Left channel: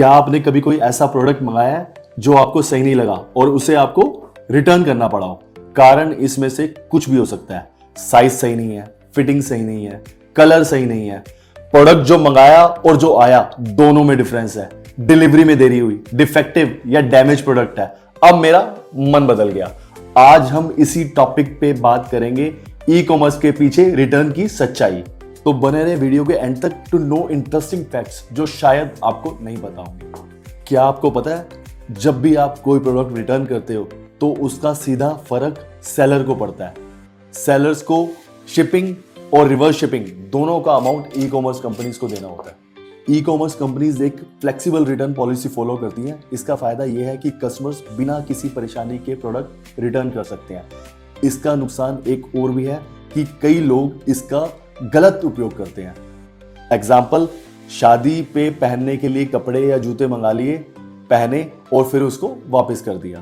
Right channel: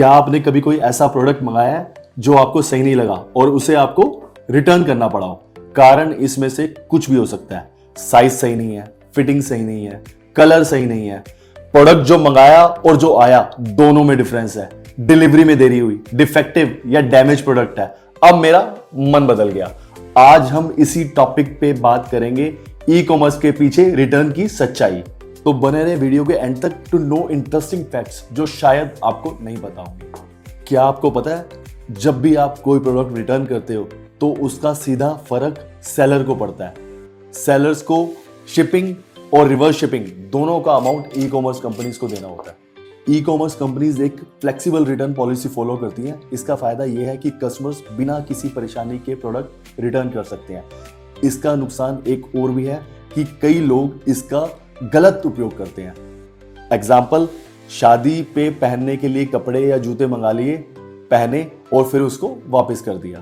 क्या आपने कभी कोई ऐसा प्रोडक्ट मंगाया है जो आपको सही नहीं लगा और उसे आपको रिटर्न करना पड़ा? कारण इसमें से कुछ भी हो सकता है। साइज सही नहीं है, फिटिंग सही नहीं है, कलर सही नहीं है, प्रोडक्ट जो मंगाया और जो आया दोनों में डिफरेंस है, डिलीवरी में देरी हुई, डिफेक्टिव या डैमेज प्रोडक्ट है। अब मेरा मन बदल गया। आज हम इसी टॉपिक पे बात करेंगे, ई कॉमर्स के पीछे रिटर्न की सच्चाई। तो बने रहे वीडियो के एंड तक टू नो इंटरेस्टिंग फैक्ट्स जो शायद आपको नहीं पता होंगे। क्या आपको पता है, जब भी आप कोई प्रोडक्ट रिटर्न करते हो तो उसका सीधा फर्क सेलर को पड़ता है। सेलर्स को शिपिंग और रिवर्स शिपिंग दोनों का अमाउंट ई कॉमर्स कंपनीज को देना होता है। ई कॉमर्स कंपनीज एक फ्लेक्सिबल रिटर्न पॉलिसी फॉलो करती हैं। इसका फायदा यह है कि कस्टमर्स बिना किसी परेशानी के प्रोडक्ट रिटर्न कर सकते हैं। इसका नुकसान एक और भी है कि कई लोग इसका गलत उपयोग करते हैं। एग्जाम्पल, शादी पे पहनने के लिए कपड़े या जूते मंगा लिए, पहने और फिर उसको वापस कर दिया।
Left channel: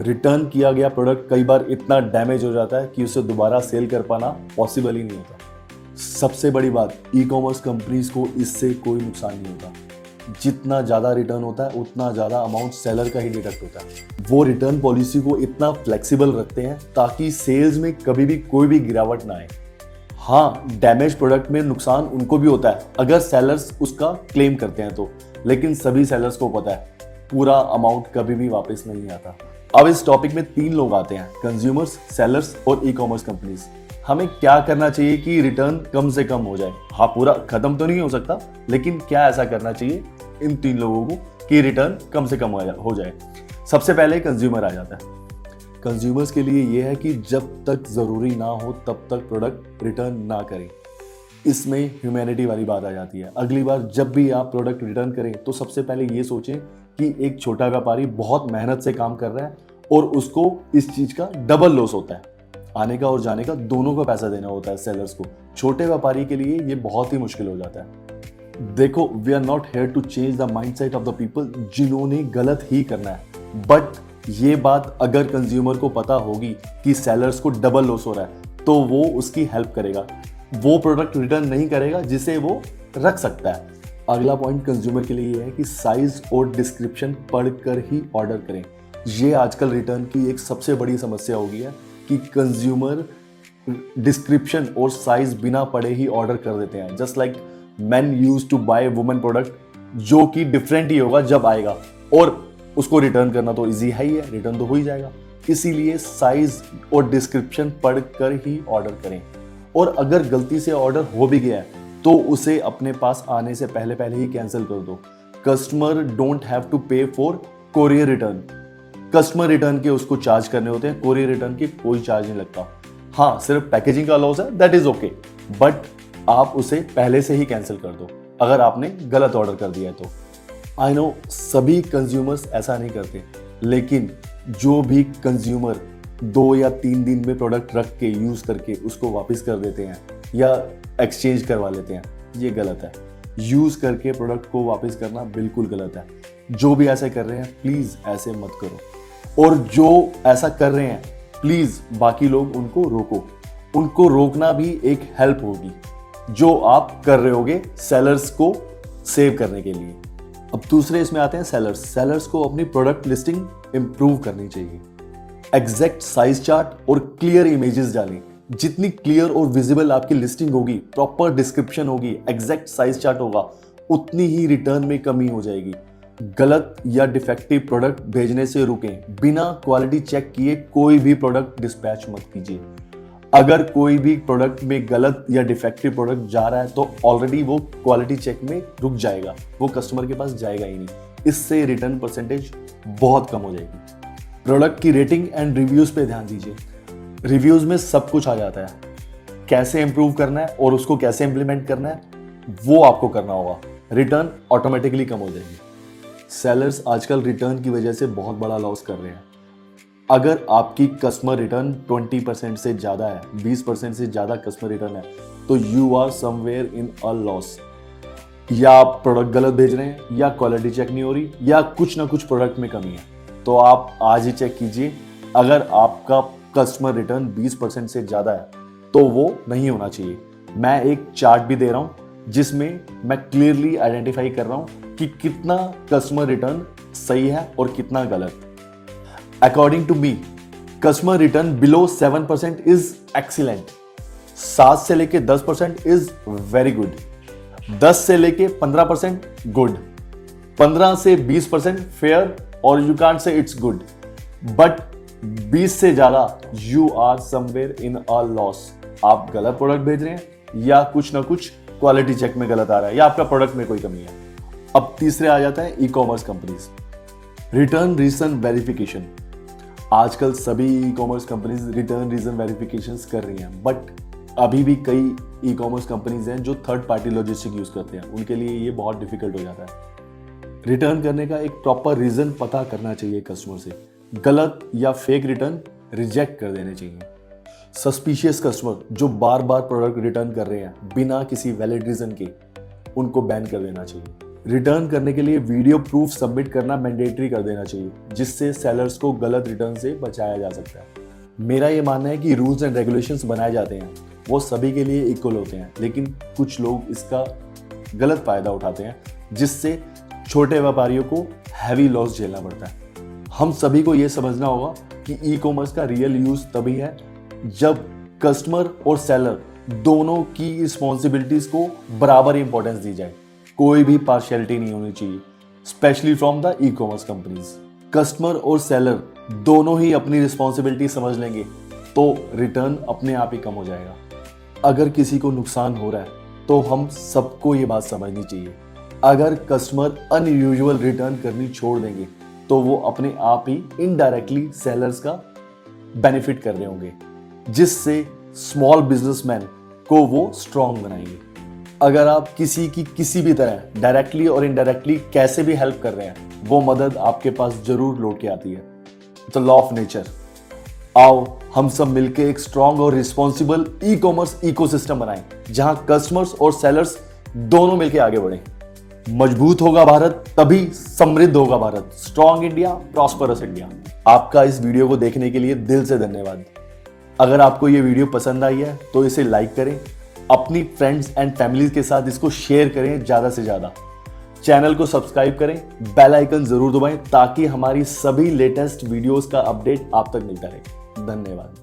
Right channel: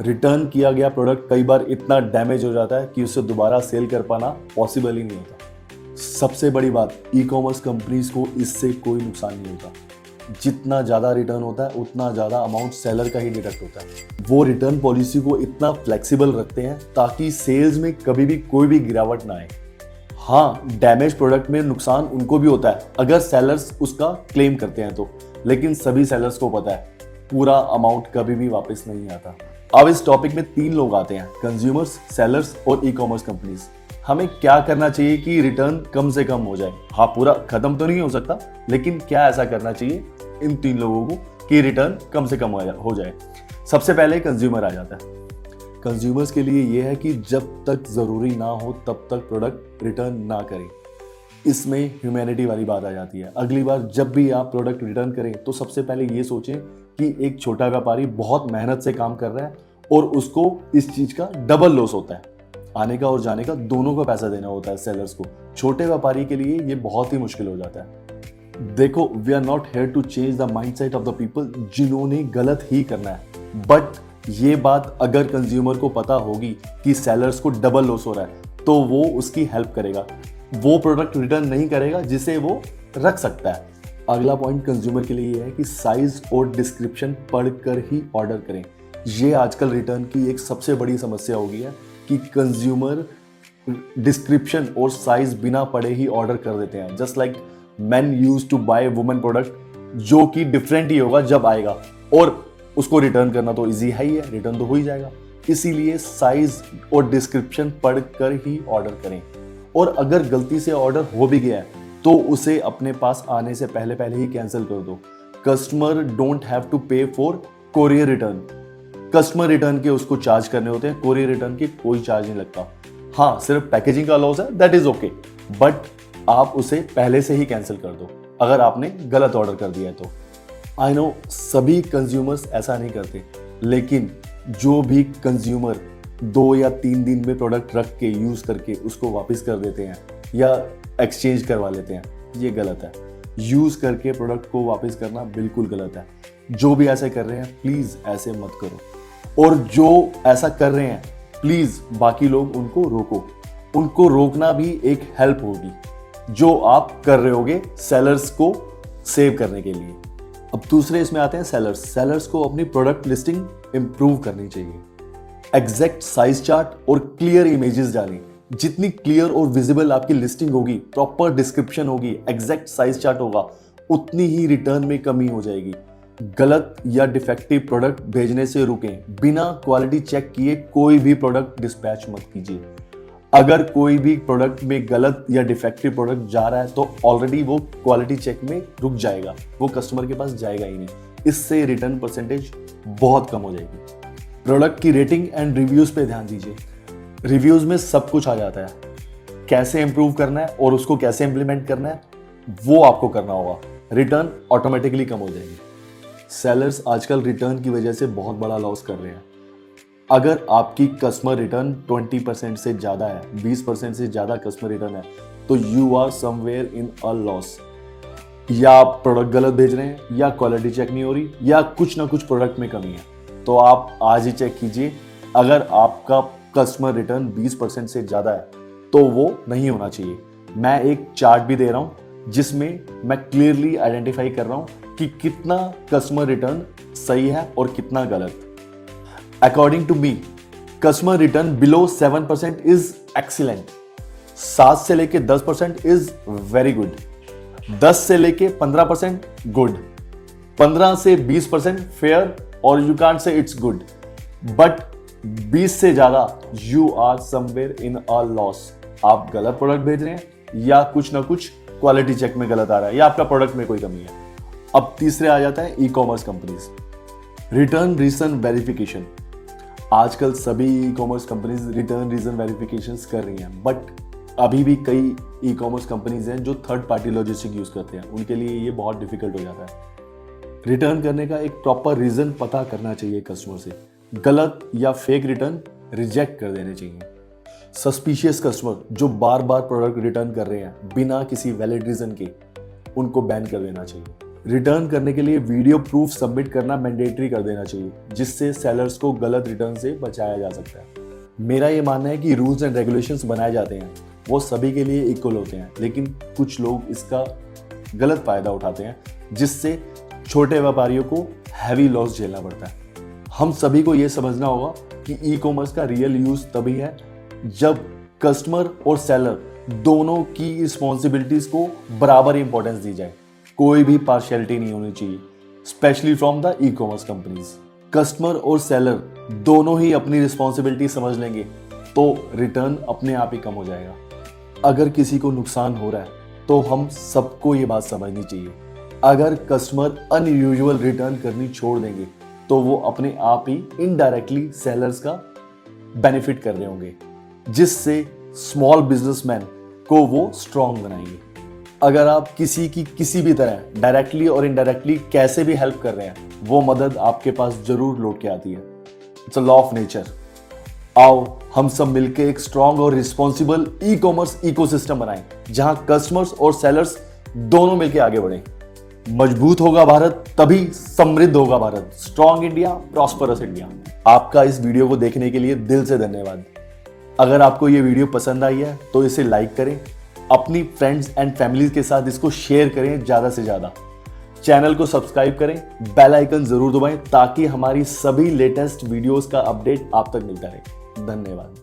रिटर्न किया गया प्रोडक्ट कई बार इतना डैमेज हो जाता है कि उसे दोबारा सेल कर पाना पॉसिबल ही नहीं होता। सबसे बड़ी बात, ई कॉमर्स कंपनीज को इससे कोई नुकसान नहीं होता। जितना ज्यादा रिटर्न होता है उतना ज्यादा अमाउंट सेलर का ही निकट होता है। वो रिटर्न पॉलिसी को इतना फ्लेक्सिबल रखते हैं ताकि सेल्स में कभी भी कोई भी गिरावट ना आए। हाँ, डैमेज प्रोडक्ट में नुकसान उनको भी होता है अगर सेलर्स उसका क्लेम करते हैं तो, लेकिन सभी सेलर्स को पता है पूरा अमाउंट कभी भी वापस नहीं आता। अब इस टॉपिक में 3 लोग आते हैं, कंज्यूमर्स, सेलर्स और ई कॉमर्स कंपनीज। हमें क्या करना चाहिए कि रिटर्न कम से कम हो जाए? हाँ, पूरा खत्म तो नहीं हो सकता, लेकिन क्या ऐसा करना चाहिए इन 3 लोगों को कि रिटर्न कम से कम हो जाए? सबसे पहले कंज्यूमर आ जाता है। कंज्यूमर्स के लिए यह है कि जब तक जरूरी ना हो तब तक प्रोडक्ट रिटर्न ना करें। इसमें ह्यूमैनिटी वाली बात आ जाती है। अगली बार जब भी आप प्रोडक्ट रिटर्न करें तो सबसे पहले ये सोचें कि एक छोटा व्यापारी बहुत मेहनत से काम कर रहा है और उसको इस चीज का डबल लॉस होता है। आने का और जाने का दोनों को पैसा देना होता है सेलर्स को। छोटे व्यापारी के लिए ये बहुत ही मुश्किल हो जाता है। देखो, we are not here to change the mindset of the people जिन्होंने गलत ही करना है, बट ये बात अगर कंज्यूमर को पता होगी कि सेलर्स को डबल लॉस हो रहा है तो वो उसकी हेल्प करेगा। वो प्रोडक्ट रिटर्न नहीं करेगा जिसे वो रख सकता है। अगला पॉइंट कंज्यूमर के लिए ये है कि साइज और डिस्क्रिप्शन पढ़कर ही ऑर्डर करें। ये आजकल रिटर्न की एक सबसे बड़ी समस्या हो गई है कि कंज्यूमर डिस्क्रिप्शन और साइज बिना पढ़े ही ऑर्डर कर देते हैं। Just like man use to buy women product जो कि डिफरेंट ही होगा जब आएगा, और उसको रिटर्न करना तो इजी है ही है, रिटर्न तो हो ही जाएगा। इसीलिए साइज और डिस्क्रिप्शन पढ़कर ही ऑर्डर करें। और अगर गलती से ऑर्डर हो भी गया है तो उसे अपने पास आने से पहले पहले ही कैंसिल कर दो। कस्टमर डोंट हैव टू पे for courier return. Customer return के उसको चार्ज करने होते हैं, कोरियर रिटर्न के कोई चार्ज नहीं लगता। हाँ, सिर्फ पैकेजिंग का लॉस है, दैट इज ओके, बट आप उसे पहले से ही कैंसिल कर दो अगर आपने गलत ऑर्डर कर दिया है तो। आई नो सभी कंज्यूमर्स ऐसा नहीं करते, लेकिन जो भी कंज्यूमर 2 या 3 दिन में प्रोडक्ट रख के यूज करके उसको वापस कर देते हैं या एक्सचेंज करवा लेते हैं, ये गलत है। यूज करके प्रोडक्ट को वापस करना बिल्कुल गलत है। जो भी ऐसे कर रहे हैं प्लीज ऐसे मत करो, और जो ऐसा कर रहे हैं प्लीज बाकी लोग उनको रोको। उनको रोकना भी एक हेल्प होगी जो आप कर रहे होगे सेलर्स को सेव करने के लिए। अब दूसरे इसमें आते हैं सेलर्स। सेलर्स को अपनी प्रोडक्ट लिस्टिंग इंप्रूव करनी चाहिए। एग्जैक्ट साइज चार्ट और क्लियर इमेजेस डालें। जितनी क्लियर और विजिबल आपकी लिस्टिंग होगी, प्रॉपर डिस्क्रिप्शन होगी, एग्जैक्ट साइज चार्ट होगा, उतनी ही रिटर्न में कमी हो जाएगी। गलत या डिफेक्टिव प्रोडक्ट भेजने से रुकें। बिना क्वालिटी चेक किए कोई भी प्रोडक्ट डिस्पैच मत कीजिए। अगर कोई भी प्रोडक्ट में गलत या डिफेक्टिव प्रोडक्ट जा रहा है तो ऑलरेडी वो क्वालिटी चेक में रुक जाएगा, वो कस्टमर के पास जाएगा ही नहीं। इससे रिटर्न परसेंटेज बहुत कम हो जाएगी। प्रोडक्ट की रेटिंग एंड रिव्यूज पे ध्यान दीजिए। रिव्यूज में सब कुछ आ जाता है, कैसे इंप्रूव करना है और उसको कैसे इंप्लीमेंट करना है वो आपको करना होगा। रिटर्न ऑटोमेटिकली कम हो जाएगी। सेलर्स आजकल रिटर्न की वजह से बहुत बड़ा लॉस कर रहे हैं। अगर आपकी कस्टमर रिटर्न 20% से ज्यादा है, 20% से ज्यादा कस्टमर रिटर्न है, तो you are somewhere in a loss. या आप प्रोडक्ट गलत भेज रहे हैं, या क्वालिटी चेक नहीं हो रही, या कुछ ना कुछ प्रोडक्ट में कमी है। तो आप आज ही चेक कीजिए। अगर आपका कस्टमर रिटर्न 20% से ज्यादा है तो वो नहीं होना चाहिए। मैं एक चार्ट भी दे रहा हूं जिसमें मैं क्लियरली आइडेंटिफाई कर रहा हूं कि कितना कस्टमर रिटर्न सही है और कितना गलत। According to me, customer return below 7% is excellent, 7 से लेके 10% इज वेरी गुड, 10 से लेके 15% गुड, 15 से 20% फेयर और you can't say it's good, but 20 से ज्यादा you are somewhere in a loss. आप गलत प्रोडक्ट भेज रहे हैं या कुछ ना कुछ क्वालिटी चेक में गलत आ रहा है या आपका प्रोडक्ट में कोई कमी है। अब तीसरे आ जाता है e commerce companies, return reason verification. आजकल सभी e commerce companies return reason verification कर रही हैं, बट अभी भी कई ई कॉमर्स कंपनीज हैं जो थर्ड पार्टी लॉजिस्टिक यूज करते हैं, उनके लिए ये बहुत डिफिकल्ट हो जाता है। रिटर्न करने का एक प्रॉपर रीजन पता करना चाहिए कस्टमर से, गलत या फेक रिटर्न रिजेक्ट कर देने चाहिए। सस्पिशियस कस्टमर जो बार बार प्रोडक्ट रिटर्न कर रहे हैं बिना किसी वैलिड रीजन के, उनको बैन कर देना चाहिए। रिटर्न करने के लिए वीडियो प्रूफ सबमिट करना मैंडेटरी कर देना चाहिए, जिससे सेलर्स को गलत रिटर्न से बचाया जा सकता है। मेरा ये मानना है कि रूल्स एंड रेगुलेशंस बनाए जाते हैं वो सभी के लिए इक्वल होते हैं, लेकिन कुछ लोग इसका गलत फायदा उठाते हैं, जिससे छोटे व्यापारियों को हैवी लॉस झेलना पड़ता है। हम सभी को यह समझना होगा कि ई कॉमर्स का रियल यूज तभी है जब कस्टमर और सेलर दोनों की रिस्पॉन्सिबिलिटीज को बराबर इंपॉर्टेंस दी जाए। कोई भी पार्शियलिटी नहीं होनी चाहिए, specially from the E commerce companies. Customer और सेलर दोनों ही अपनी रिस्पॉन्सिबिलिटी समझ लेंगे तो रिटर्न अपने आप ही कम हो जाएगा। अगर किसी को नुकसान हो रहा है तो हम सबको ये बात समझनी चाहिए। अगर कस्टमर अनयूजुअल रिटर्न करनी छोड़ देंगे तो वो अपने आप ही इनडायरेक्टली सेलर्स का बेनिफिट कर रहे होंगे, जिससे स्मॉल बिजनेसमैन को वो स्ट्रांग बनाएंगे। अगर आप किसी की किसी भी तरह डायरेक्टली और इनडायरेक्टली कैसे भी हेल्प कर रहे हैं, वो मदद आपके पास जरूर लौट के आती है। It's a law of nature. आओ हम सब मिलकर एक स्ट्रांग और रिस्पॉन्सिबल ई कॉमर्स इकोसिस्टम बनाएं, जहां कस्टमर्स और सेलर्स दोनों मिलकर आगे बढ़े। मजबूत होगा भारत तभी समृद्ध होगा Bharat. Strong India, prosperous India. आपका इस वीडियो को देखने के लिए दिल से धन्यवाद। अगर आपको ये वीडियो पसंद आई है तो इसे लाइक करें, अपनी फ्रेंड्स एंड फैमिली के साथ इसको शेयर करें ज्यादा से ज्यादा। चैनल को सब्सक्राइब करें, बेल आइकन जरूर दबाएं ताकि हमारी सभी लेटेस्ट वीडियोस का अपडेट आप तक मिलता रहे। धन्यवाद।